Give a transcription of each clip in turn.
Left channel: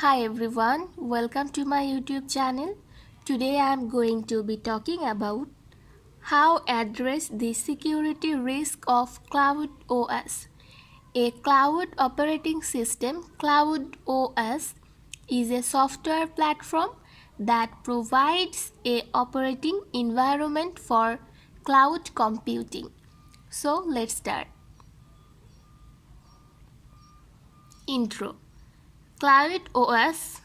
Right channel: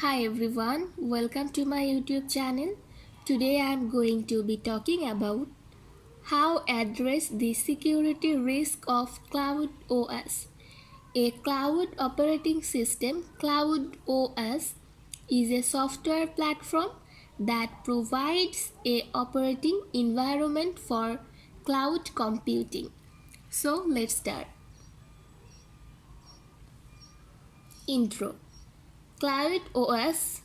Hi everyone, welcome to my YouTube channel. Today I am going to be talking about how address the security risk of Cloud OS. A cloud operating system, Cloud OS, is a software platform that provides a operating environment for cloud computing. So let's start. Intro. Cloud OS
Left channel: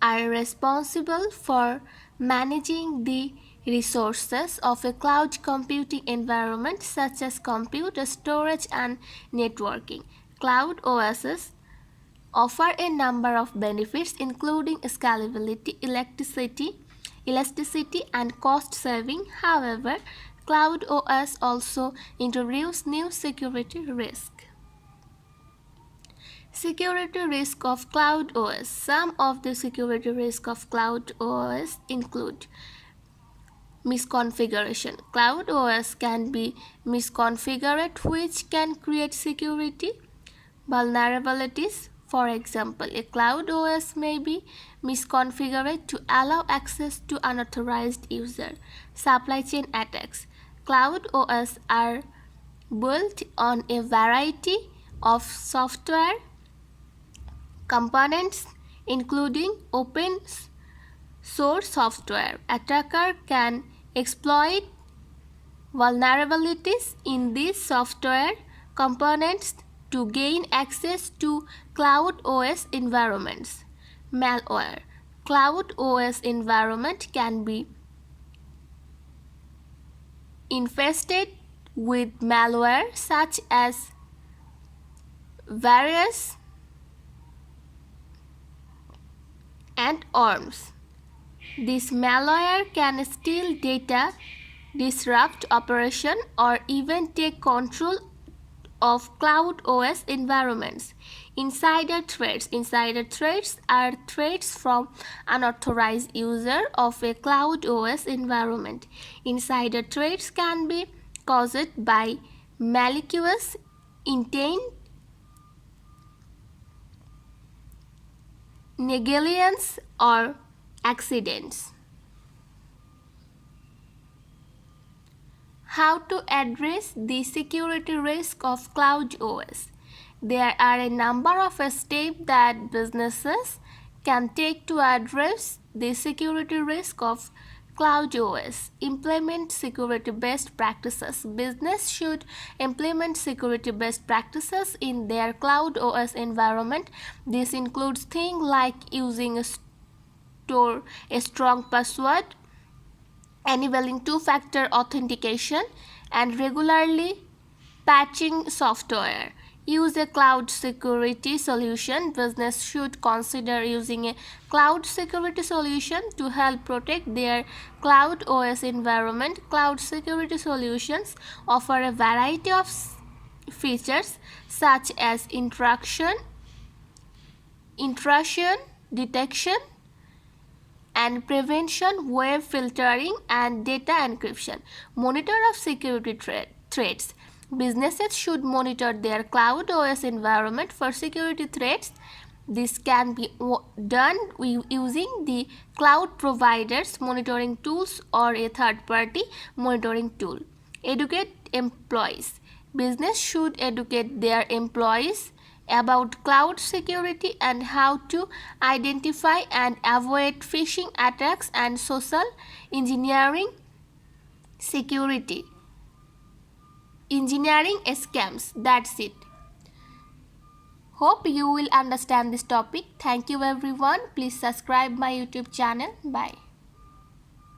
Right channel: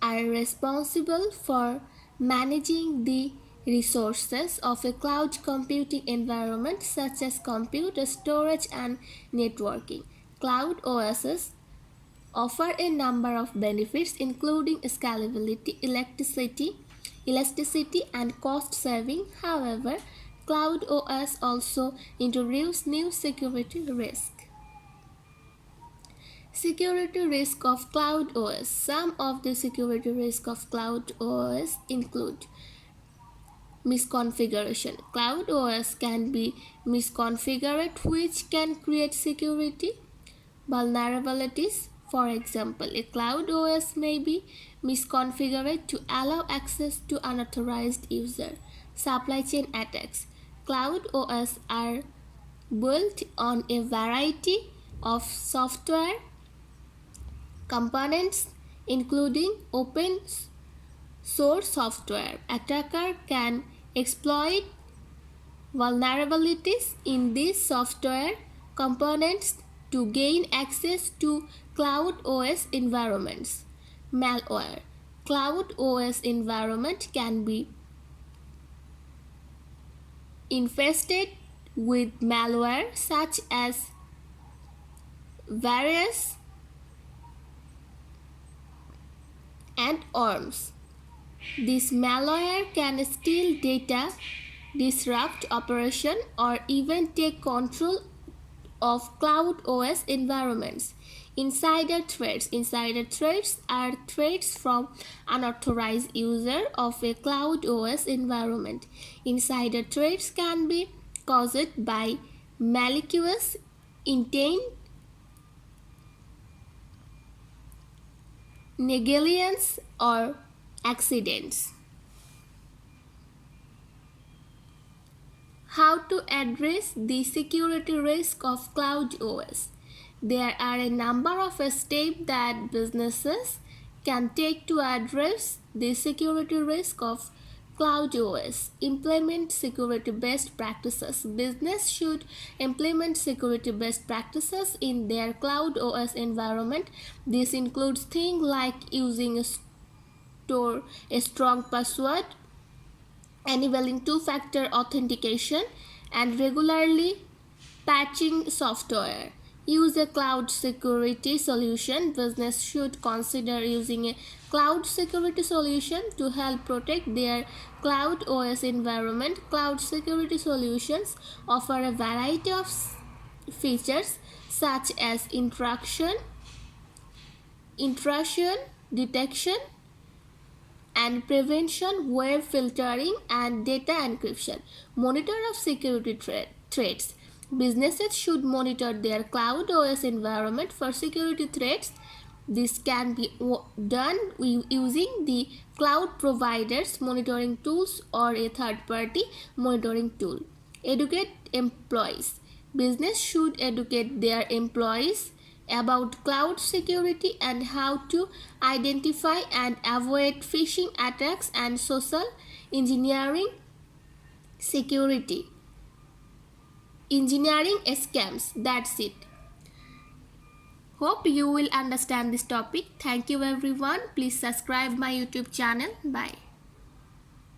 are responsible for managing the resources of a cloud computing environment such as compute, storage, and networking. Cloud OSs offer a number of benefits including scalability, elasticity, and cost saving. However, Cloud OS also introduce new security risks. Security risk of Cloud OS. Some of the security risk of Cloud OS include misconfiguration. Cloud OS can be misconfigured, which can create security vulnerabilities. For example, a Cloud OS may be misconfigured to allow access to unauthorized user. Supply chain attacks. Cloud OS are built on a variety of software components including open source software. Attacker can exploit vulnerabilities in these software components to gain access to Cloud OS environments. Malware. Cloud OS environment can be infested with malware such as virus and worms. This malware can steal data, disrupt operation, or even take control of Cloud OS environments. Insider threats. Insider threats are threats from unauthorized user of a Cloud OS environment. Insider threats can be caused by malicious intent, negligence, or accidents. How to address the security risk of Cloud OS? There are a number of steps that businesses can take to address the security risk of Cloud OS. Implement security best practices. Business should implement security best practices in their Cloud OS environment. This includes things like using a strong password, enabling two-factor authentication, and regularly patching software. Use a cloud security solution. Business should consider using a cloud security solution to help protect their Cloud OS environment. Cloud security solutions offer a variety of features such as intrusion detection and prevention, web filtering, and data encryption. Monitor of security threats. Businesses should monitor their Cloud OS environment for security threats. This can be done using the cloud providers monitoring tools or a third-party monitoring tool. Educate employees. Business should educate their employees about cloud security and how to identify and avoid phishing attacks and social engineering scams. That's it. Hope you will understand this topic. Thank you everyone. Please subscribe my YouTube channel. Bye.